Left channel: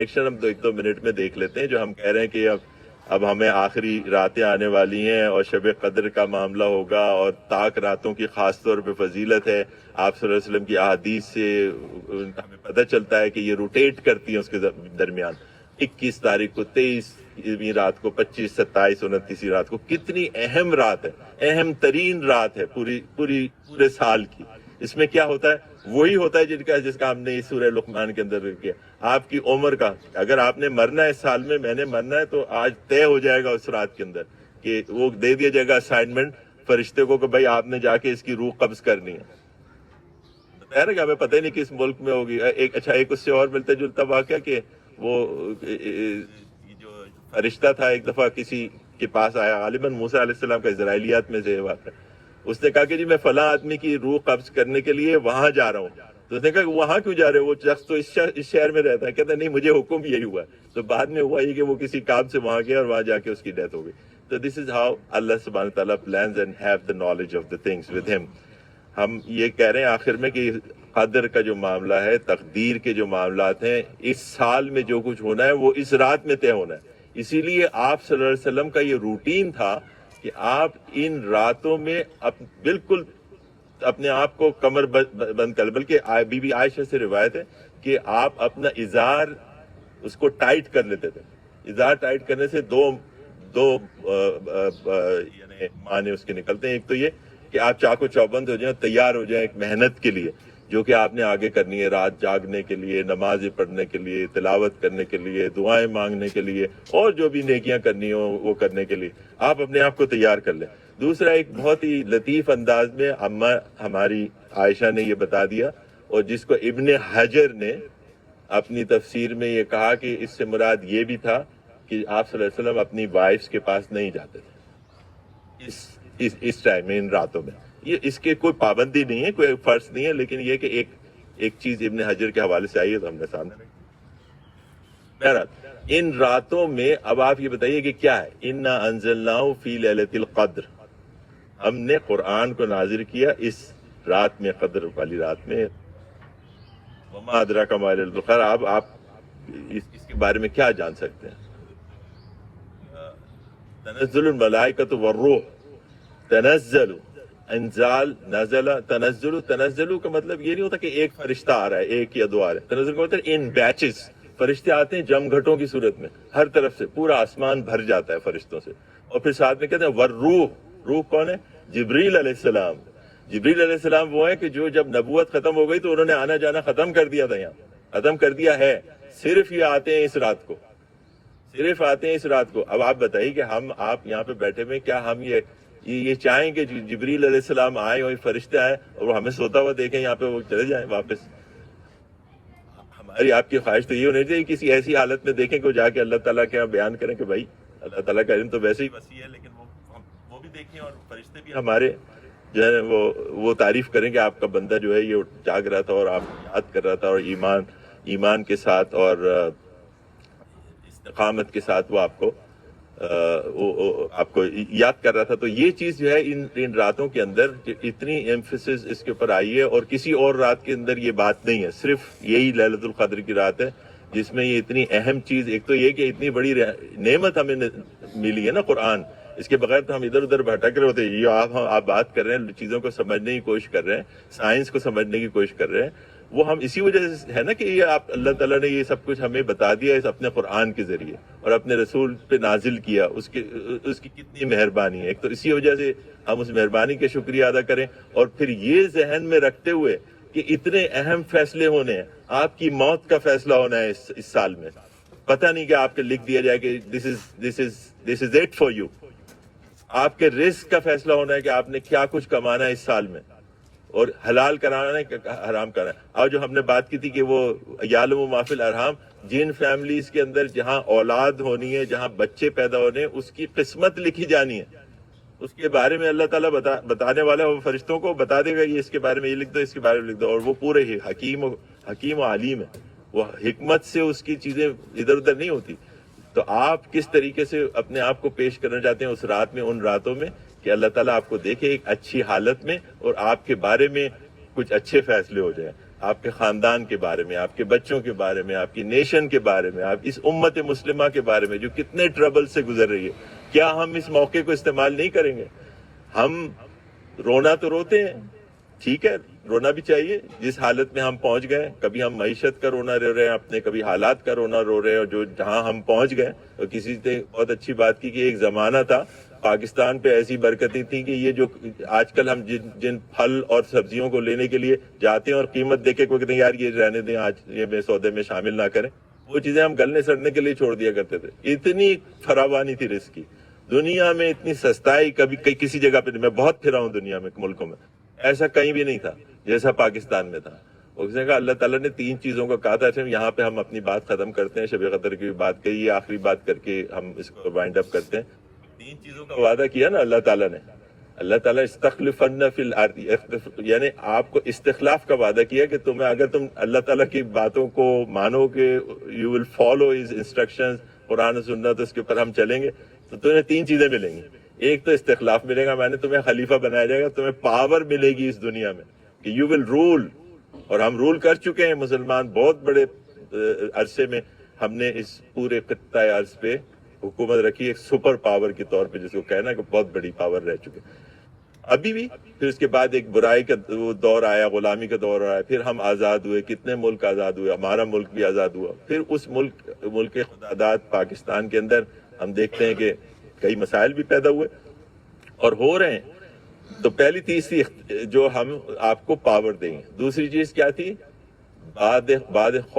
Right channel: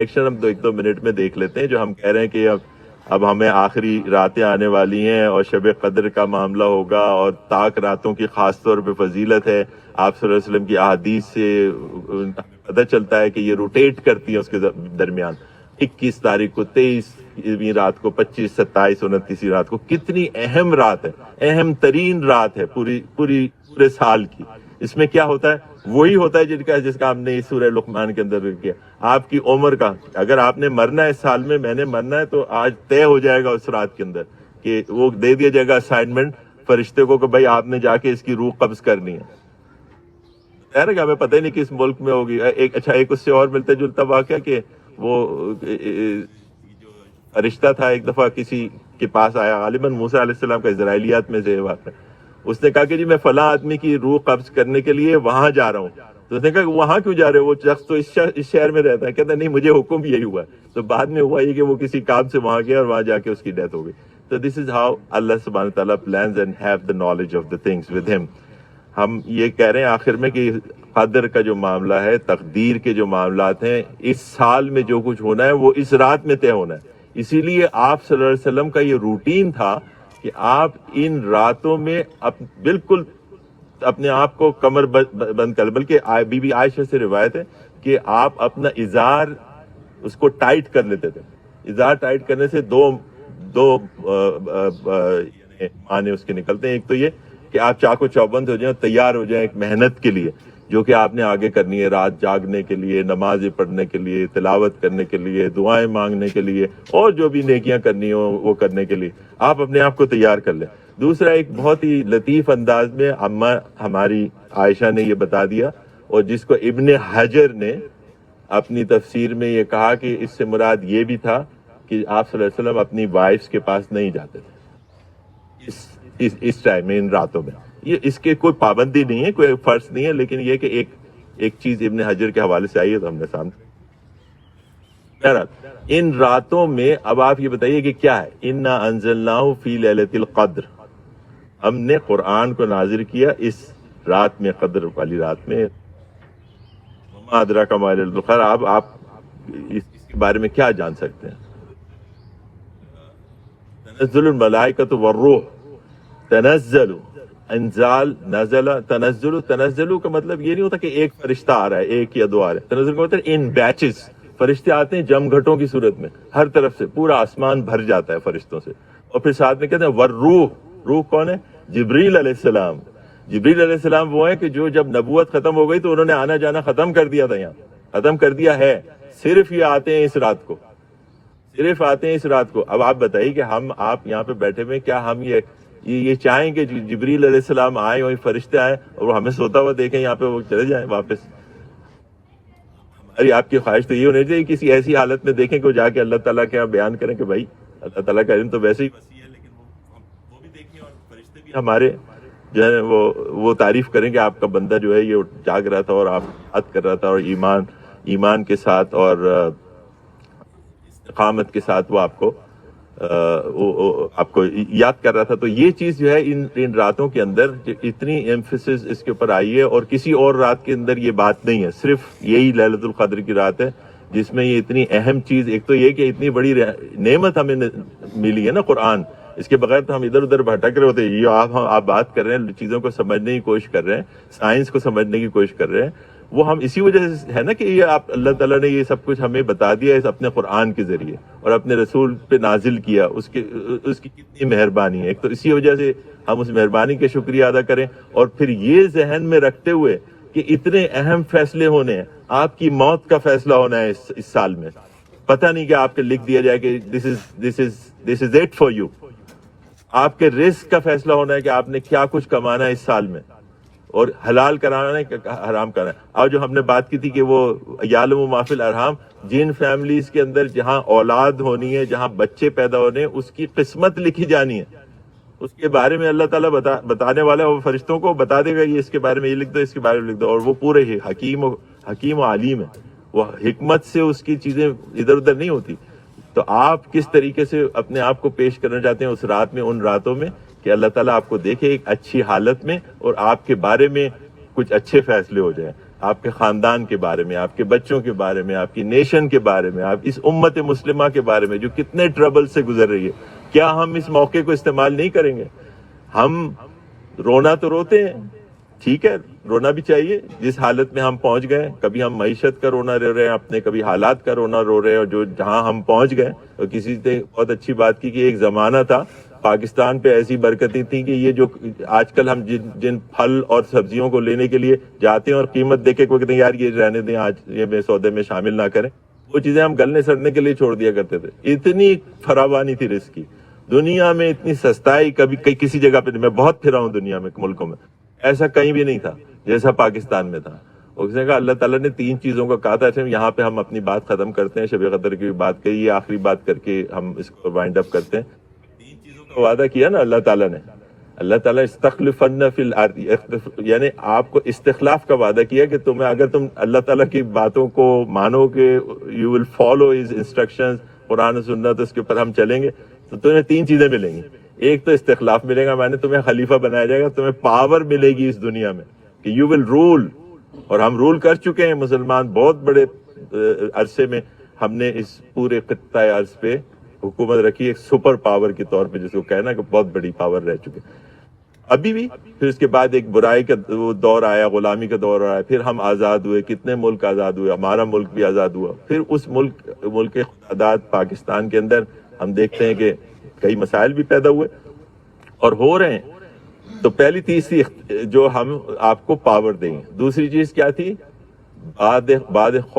Action ہم 1-2 minute میں دیکھ لیتے ہیں. جو ہم کہہ رہے ہیں کہ اب ہمیں آخری راتیں آنے والی ہیں اور شب قدر کا معاملہ ہوگا اور تاک راتوں کی خاص طور پہ فضیلت ہے. آپ صلی اللہ علیہ وسلم کی احادیث سے ہمیں پتہ چلتا ہے کہ یہ روٹیٹ کرتی ہیں اس کے درمیان. 21 تاریخ کو، 23ویں رات کو، 25، 27، 29ویں رات کو. کتنی اہم رات ہے، اہم ترین رات ہے پورے سال کی. اس میں کیا ہوتا ہے؟ وہی ہوتا ہے جس کا ہم نے اس سورہ لقمان کے اندر کیا. آپ کی عمر کا، اگر آپ نے مرنا ہے اس سال میں نے مرنا ہے، تو آج طے ہو جائے گا اس رات کے اندر کہ وہ دے دیا جائے گا اسائنمنٹ فرشتے کو کہ بھائی آپ نے جا کے اس کی روح قبض کرنی ہے. خیر ہے کہ ہمیں پتہ ہی نہیں کس ملک میں ہوگی. ایک اس سے اور ملتا جلتا واقعہ کہ وہ جو فرشتہ تھا ایک دفعہ کسی کے پاس آیا، غالباً موسیٰ علیہ السلام کا، اسرائیلیات میں سے واقعہ. اس نے کہا کہ جی میں فلاں آدمی کی روح قبض کرنے کے لیے وہاں جا رہا ہوں. تو اس نے کہا کہ وہاں کیوں جا رہے ہو؟ وہ شخص تو اس شہر میں رہتا ہے. کہتا نہیں، مجھے حکم یہی ہوا ہے. تو بعد میں ہوا یہ کہ وہ کسی کام سے وہاں گیا اور وہاں جا کے اس کی ڈیتھ ہو گئی. تو دس از ہاؤ اللہ سبحانہ تعالیٰ plans and have the knowledge of the things with him. ہم یہ کہہ رہے ہیں آخر میں کہ قدر کا جو معاملہ ہے، تقدیر کے جو معاملات ہیں، اس سال میں جو کچھ ہونا ہے وہ اس رات میں طے ہونا ہے. اسی لیے آپ صلی اللہ علیہ وسلم کا یہ روٹین تھا کہ آپ ان راتوں میں بالکل اپنے آپ کو کمر بند کر، بلکہ بی بی عائشہ سے روایت ہے کہ آپ اپنا ازار اس کو ٹائٹ کر لیتے تھے. ازار ٹائٹ کرنے سے دو یعنی معنی اس کے نکلتے ہیں. ایک تو یہ کہ آپ چاقو چوبند ہو جائیں، تیار ہو جائیں ایک محنت کے لیے جو کہ آپ نے آگے کرنی ہے، رات جاگنے کے لیے، نمازیں پڑھنے کے لیے، تلاوت کرنے کے لیے، دعائیں مانگنے کے لیے، اور جو بھی نیکیاں کرنی ہو وہ کرنے کے لیے آپ اپنے آپ کو تیار کر لیں. دوسرا، ایک بہت ہی لطیف انداز میں اماں ہماری عائشہ نے یہ بتا دیا، اور جس کو ابن حجر نے اپنی تفسیر میں یہ کہا کہ اس سے مراد یہ بھی تھا کہ آپ صلی اللہ علیہ وسلم اپنی وائفز کے پاس نہیں جاتے تھے اس ٹائم میں، ان راتوں میں. یہ اس کے کوئی پابندی نہیں ہے، کوئی فرض نہیں ہے، لیکن یہ کہ ایک چیز ابن حجر کے حوالے سے آئی ہے تو ہم نے سامنے. بہرحال ان راتوں میں اب آپ یہ بتائیے کہ کیا ہے. انا انزلناہ فی لیلۃ القدر، ہم نے قرآن کو نازل کیا اس رات میں، قدر والی رات میں. وما ادراک ما لیلۃ القدر، اب آپ اس کے بارے میں کیا جان سکتے ہیں؟ تنزل الملائکۃ والروح، تنزل، انزال، نزل، تنزل کا مطلب یہ نہیں ہوتا کہ ایک فرشتہ آ رہا ہے، ایک یا دو آ رہے ہیں. تنزل کا مطلب ان بیچز فرشتے آتے ہیں، جم گھٹوں کی صورت میں، ہر طرف سے پورا آسمان بھر جاتا ہے فرشتوں سے. اور پھر ساتھ میں کہتے ہیں والروح، روح کون ہے؟ جبریل علیہ السلام. جبریل علیہ السلام وہ ہے کہ جو جب نبوت ختم ہو گئی تو انہوں نے آنا جانا ختم کر دیا تھا، یہاں ختم کر دیا ہے. صرف یہ آتے ہیں اس رات کو، صرف آتے ہیں اس رات کو. اب آپ بتائیے کہ آپ یہاں پہ بیٹھے ہوئے، کیا ہم یہ چاہیں کہ جبریل علیہ السلام آئیں، وہی فرشتے آئیں اور وہ ہمیں سوتا ہوا دیکھیں یہاں پہ، وہ چلے جائیں واپس؟ ہماری آپ کی خواہش تو یہ ہونی چاہیے کسی ایسی حالت میں دیکھیں کہ وہ جا کے اللہ تعالیٰ کے یہاں بیان کریں کہ بھائی اللہ تعالیٰ کا علم تو ویسے ہی وسیع ہے، لیکن وہ بھی دیکھیں اور فرشتے بھی ہمارے جو ہے وہ تعریف کریں کہ آپ کا بندہ جو ہے یہ جاگ رہا تھا اور آپ یاد کر رہا تھا، اور ایمان کے ساتھ اور استقامت کے ساتھ وہ آپ کو یاد کر رہا تھا. تو یہ چیز جو ہے ان راتوں کے اندر اتنی ایمفیسس اس کے اوپر آئی ہے، اور کسی اور رات کے اندر یہ بات نہیں ہے. صرف یہی لیلۃ القدر کی رات ہے جس میں یہ اتنی اہم چیز. ایک تو یہ کہ اتنی بڑی نعمت ہمیں ملی ہے نا قرآن، اس کے بغیر تو ہم ادھر ادھر بھٹک رہے ہوتے. یہ آپ بات کر رہے ہیں، چیزوں کو سمجھنے کی کوشش کر رہے ہیں، سائنس کو سمجھنے کی کوشش کر رہے ہیں. وہ ہم اسی وجہ سے ہے نا کہ یہ اللہ تعالیٰ نے یہ سب کچھ ہمیں بتا دیا ہے اپنے قرآن کے ذریعے، اور اپنے رسول پہ نازل کیا. اس کی کتنی مہربانی ہے. ایک تو اسی وجہ سے ہم اس مہربانی کا شکریہ ادا کریں، اور پھر یہ ذہن میں رکھتے ہوئے کہ اتنے اہم فیصلے ہونے ہیں. آپ کی موت کا فیصلہ ہونا ہے اس سال میں. پتہ نہیں کہ آپ کے لکھ دیا جائے کہ this is it for you. آپ کے رزق کا فیصلہ ہونا ہے کہ آپ نے کیا کچھ کمانا ہے اس سال میں، اور حلال کرانا ہے کہ حرام کرانا ہے. اور جو ہم نے بات کی تھی کہ وہ یعلم ما فی الارحام، جن فیملیز کے اندر جہاں اولاد ہونی ہے، جہاں بچے پیدا ہونے ہیں، اس کی قسمت لکھی جانی ہے. اس کے بارے میں اللہ تعالیٰ بتانے والا ہے، وہ فرشتوں کو بتا دے گا یہ اس کے بارے میں یہ لکھ دو، اس کے بارے میں لکھ دو. اور وہ پورے ہی حکیم و علیم ہے، وہ حکمت سے اس کی چیزیں ادھر ادھر نہیں ہوتی. تو آپ کس طریقے سے اپنے آپ کو پیش کرنا چاہتے ہیں اس رات میں، ان راتوں میں، کہ اللہ تعالیٰ آپ کو دیکھے ایک اچھی حالت میں اور آپ کے بارے میں کچھ اچھے فیصلے ہو جائیں. آپ کے خاندان کے بارے میں، آپ کے بچوں کے بارے میں، آپ کی نیشن کے بارے میں، آپ اس امت مسلمہ کے بارے میں جو کتنے ٹربل سے گزر رہی ہے. کیا ہم اس موقع کو استعمال نہیں کریں گے؟ ہم رونا تو روتے ہیں، ٹھیک ہے، رونا بھی چاہیے. جس حالت میں ہم پہنچ گئے، کبھی ہم معیشت کا رونا رو رہے ہیں اپنے، کبھی حالات کا رونا رو رہے ہیں، اور جو جہاں ہم پہنچ گئے. اور کسی نے بہت اچھی بات کی کہ ایک زمانہ تھا پاکستان پہ ایسی برکتیں تھیں کہ یہ جو آج کل ہم جن پھل اور سبزیوں کو لینے کے لیے جاتے ہیں اور قیمت دیکھ کے کوئی کہتے ہیں یار یہ رہنے دیں، آج یہ میں سودے میں شامل نہ کریں، وہ چیزیں ہم گلنے سڑنے کے لیے چھوڑ دیا کرتے تھے. اتنی فراوانی تھی رزق کی دنیا میں، اتنی سستائی کبھی کسی جگہ پہ نہیں. میں بہت پھرا ہوں دنیا میں، ملکوں میں، ایسا کہیں بھی نہیں تھا جیسا پاکستان میں تھا. اس نے کہا اللہ تعالیٰ نے 3 چیزوں کا کہا تھا. یہاں پہ ہم اپنی بات ختم کرتے ہیں، شب قدر کی بات کہی، یہ آخری بات کر کے ہم اس کو وائنڈ اپ کرتے ہیں. 3 چیزوں کا وعدہ کیا نا اللہ تعالیٰ نے. اللہ تعالیٰ استخلفن فی الارض، یعنی آپ کو استخلاف کا وعدہ کیا کہ تمہیں، اگر تم اللہ تعالیٰ کی باتوں کو مانو گے، you will follow his instructions, Quran و سنت اس کے اوپر ہم چلیں گے، تو تمہیں 3 چیزیں ملیں گی. ایک تو استخلاف ملے گا، میں نے تمہیں خلیفہ بنایا جائے گا، تمہیں پاور ملے گی اس دنیا میں کہ یو ول رول. اور ہم رول کر چکے ہیں مسلمان بہت بڑے عرصے میں. ہم نے اس پورے خطہ ارض پہ حکومت رکھی ایک سپر پاور کے طور پہ، جس کو کہنا کہ بہت بڑی پاور رہ چکے ابھی بھی. پھر اس کے بعد ایک برائی کا دور آیا، غلامی کا دور آیا، پھر ہم آزاد ہوئے. کتنے ملک آزاد ہوئے، ہمارا ملک بھی آزاد ہوا. پھر اس ملک خداداد پاکستان کے اندر ہم دیکھتے ہیں کہ کئی مسائل بھی پیدا ہوئے اور ہو رہے ہیں. تو پہلی تیسری جو ہم آپ کو پاور دیں گے. دوسری چیز کیا تھی؟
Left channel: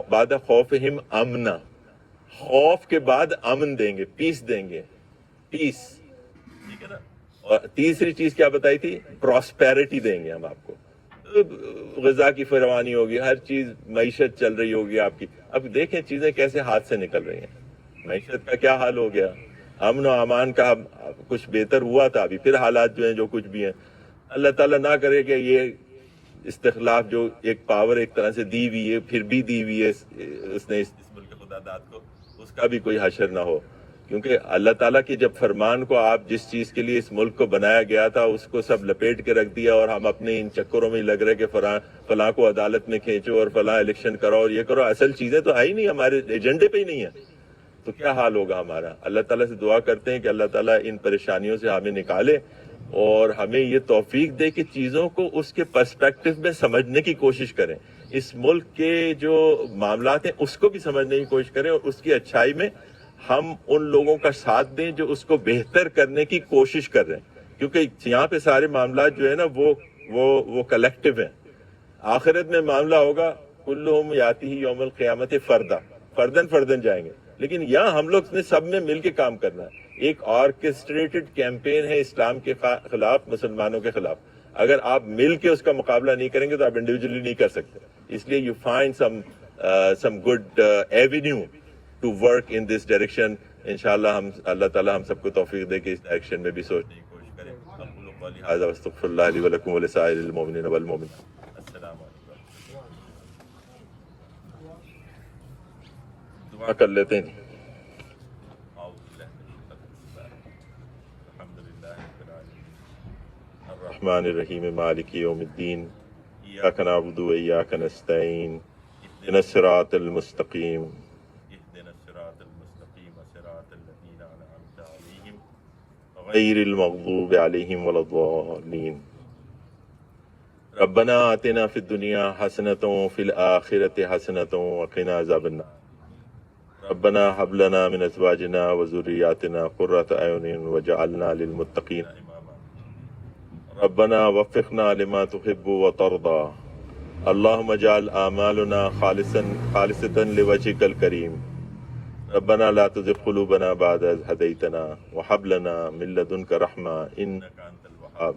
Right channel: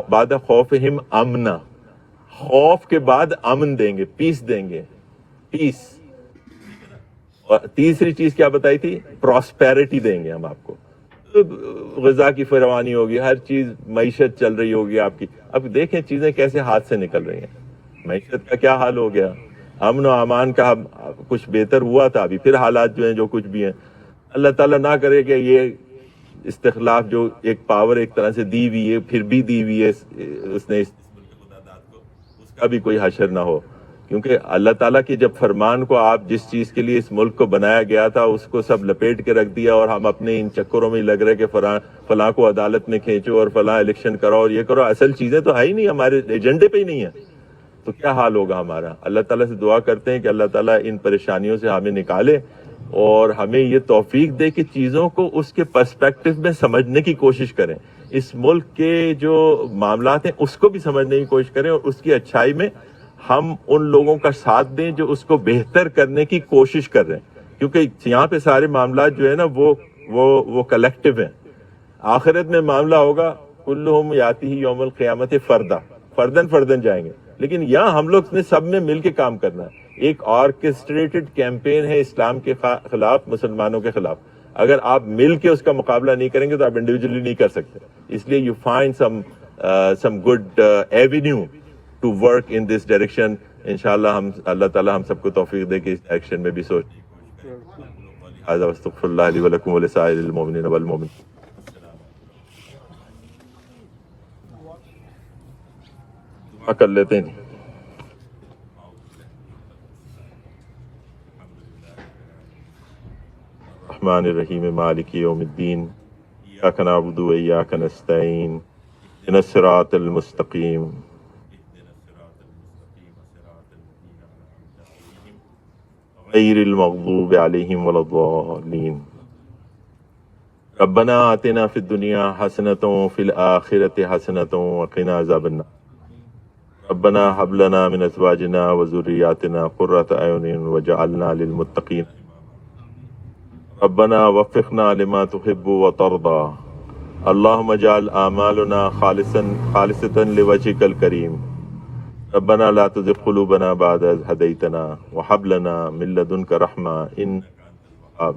بعد خوفہم امنا، خوف کے بعد امن دیں گے، پیس دیں گے، پیس. اور تیسری چیز کیا بتائی تھی؟ پراسپیرٹی دیں گے ہم آپ کو. غذا کی فراوانی ہوگی، ہر چیز، معیشت چل رہی ہوگی آپ کی. اب دیکھیں چیزیں کیسے ہاتھ سے نکل رہی ہیں. معیشت کا کیا حال ہو گیا، امن و امان کا کچھ بہتر ہوا تھا، ابھی پھر حالات جو ہیں جو کچھ بھی ہیں. اللہ تعالیٰ نہ کرے کہ یہ استخلاف جو ایک پاور ایک طرح سے دی ہوئی ہے، پھر بھی دی ہوئی ہے اس نے اس ملک خداداد کو، اس کا بھی کوئی حشر نہ ہو. کیونکہ اللہ تعالیٰ کی جب فرمان کو، آپ جس چیز کے لیے اس ملک کو بنایا گیا تھا اس کو سب لپیٹ کے رکھ دیا، اور ہم اپنے ان چکروں میں لگ رہے کہ فلاں کو عدالت میں کھینچو اور فلاں الیکشن کرو اور یہ کرو. اصل چیزیں تو ہے ہی نہیں، ہمارے ایجنڈے پہ ہی نہیں ہے. تو کیا حال ہوگا ہمارا؟ اللہ تعالیٰ سے دعا کرتے ہیں کہ اللہ تعالیٰ ان پریشانیوں سے ہمیں نکالے اور ہمیں یہ توفیق دے کہ چیزوں کو اس کے پرسپیکٹو میں سمجھنے کی کوشش کریں. اس ملک کے جو معاملات ہیں اس کو بھی سمجھنے کی کوشش کریں، اور اس کی اچھائی میں ہم ان لوگوں کا ساتھ دیں جو اس کو بہتر کرنے کی کوشش کر رہے ہیں. کیونکہ یہاں پہ سارے معاملات جو ہے نا وہ کلیکٹیو ہیں. آخرت میں معاملہ ہوگا کلہم یاتی یوم القیامت فردن جائیں گے، لیکن یہاں ہم لوگ نے سب نے مل کے کام کرنا ہے. ایک آرکسٹریٹڈ کیمپین ہے اسلام کے خلاف، مسلمانوں کے خلاف. اگر آپ مل کے اس کا مقابلہ نہیں کریں گے تو آپ انڈیویجولی نہیں کر سکتے. اس لیے you find some good avenue to work in this direction. انشاءاللہ اللہ تعالیٰ ہم سب کو توفیق دے کہ اس ڈائریکشن میں بھی سوچنے کی کوشش کریں. هذا واستغفر الله لي ولكم ولسائر المؤمنين والمؤمنات. السلام علیکم. دعا کر لیتے ہیں. الرحمن الرحیم مالک یوم الدین، ایاک نعبد و ایاک نستعین، اهدنا الصراط المستقیم صراط الذین انعمت علیہم غیر المغضوب علیہم ولا الضالین. ربنا آتنا فی الدنیا حسنۃ وفی الآخرۃ حسنۃ وقنا عذاب النار. ربنا هب لنا من ازواجنا وذرياتنا قرة اعین وجعلنا للمتقین اماما. ربنا وفقنا لما تحب وترضى. اللهم اجعل اعمالنا خالصة لوجهك الكريم. ربنا لا تزغ قلوبنا بعد إذ هديتنا وهب لنا من لدنك رحمة إنك أنت الوهاب.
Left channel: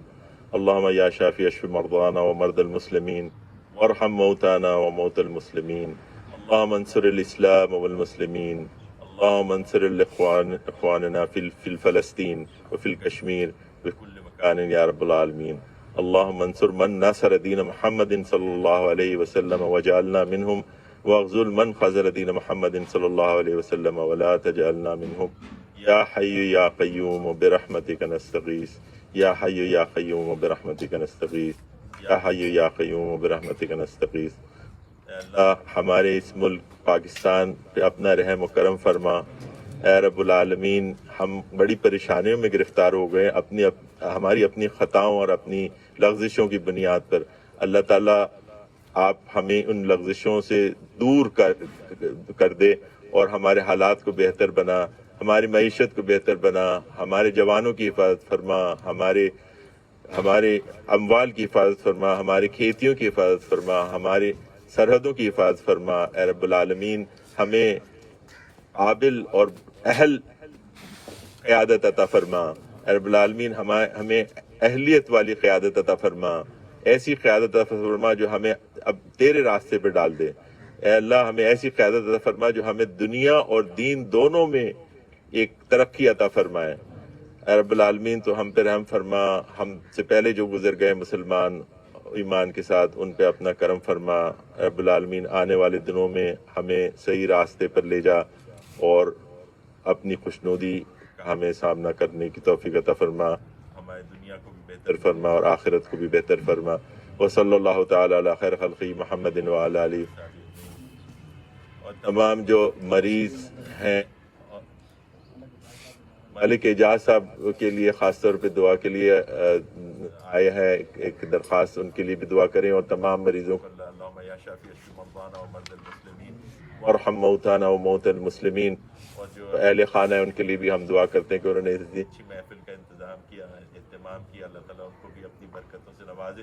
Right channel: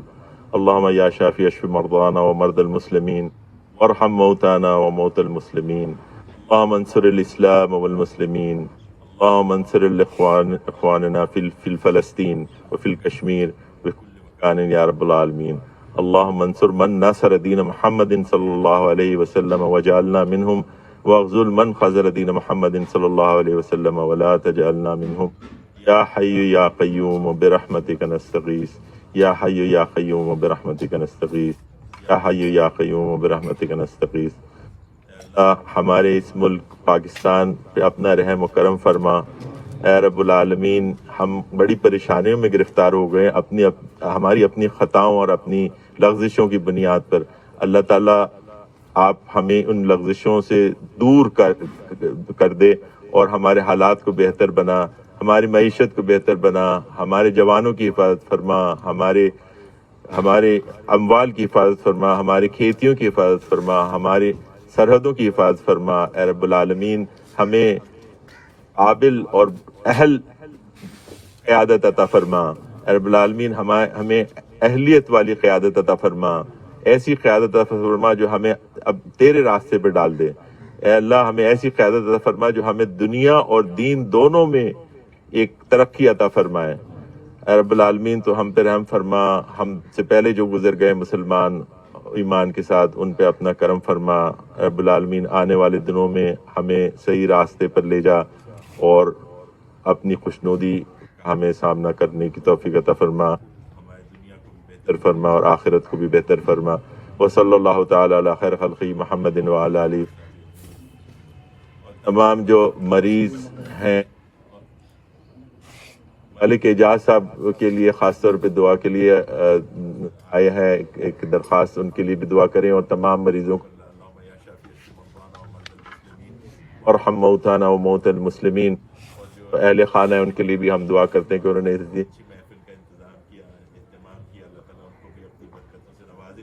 اللهم يا شافي اشف مرضانا ومرضى المسلمين وارحم موتانا وموتى المسلمين. اللهم انصر الإسلام والمسلمين. اللهم انصر إخواننا في فلسطين وفي الكشمير وكل مكان يا رب العالمين. اللهم انصر من نصر دين محمد صلى الله عليه وسلم وجعلنا منهم، واغزل من خذل دين محمد صلى الله عليه وسلم ولا تجعلنا منهم. يا حي يا قيوم برحمتك نستغيث. يا حي يا قيوم برحمتك نستغيث. يا حي يا قيوم برحمتك نستغيث. اللہ ہمارے اس ملک پاکستان پہ اپنا رحم و کرم فرما۔ اے رب العالمین، ہم بڑی پریشانیوں میں گرفتار ہو گئے ہماری اپنی خطاؤں اور اپنی لغزشوں کی بنیاد پر۔ اللہ تعالیٰ آپ ہمیں ان لغزشوں سے دور کر دے اور ہمارے حالات کو بہتر بنا، ہماری معیشت کو بہتر بنا، ہمارے جوانوں کی حفاظت فرما، ہمارے اموال کی حفاظت فرما، ہماری کھیتیوں کی حفاظت فرما، ہماری سرحدوں کی حفاظت فرما۔ اے رب العالمین، ہمیں قابل اور اہل قیادت عطا فرما۔ اے رب العالمین، ہمیں اہلیت والی قیادت عطا فرما، ایسی قیادت عطا فرما جو ہمیں اب تیرے راستے پہ ڈال دے۔ اے اللہ، ہمیں ایسی قیادت عطا فرما جو ہمیں دنیا اور دین دونوں میں ایک ترقی عطا فرمائے۔ اے رب العالمین، تو ہم پہ رحم فرما، ہم سے پہلے جو گزر گئے مسلمان ایمان کے ساتھ ان پہ اپنا کرم فرما۔ اے رب العالمین، آنے والے دنوں میں ہمیں صحیح راستے پر لے جا اور اپنی خوشنودی کا ہمیں سامنا کرنے کی توفیق عطا فرما، ہماری دنیا کو بھی بہتر فرما اور آخرت کو بھی بہتر فرما۔ وصلی اللہ تعالی علی خیر خلقہ محمد وعلی آلہ۔ اور تمام جو مریض ہیں، ملک اعجاز صاحب کے لیے خاص طور پہ دعا کے لیے آئے ہیں، ایک درخواست ان کے لیے بھی دعا کریں، اور تمام مریضوں کو اللہم یا شافی مرضانا و مرضی المسلمین وارحم موتانا و موتى المسلمین، اور جو اہل خانہ ہیں ان کے لیے بھی ہم دعا کرتے ہیں کہ انہوں نے اتنی اچھی محفل کا انتظام کیا، اہتمام کیا، اللہ تعالیٰ ان کو بھی اپنی برکتوں سے نوازے،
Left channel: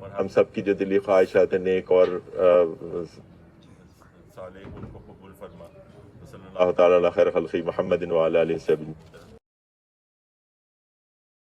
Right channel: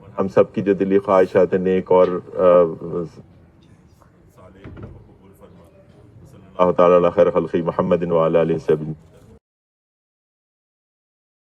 اور ہم سب کی جو دلی خواہشات نیک اور صالح ان کو قبول فرما۔ صلی اللہ تعالیٰ علی خیر خلقہ محمد وعلی آلہ وصحبہ۔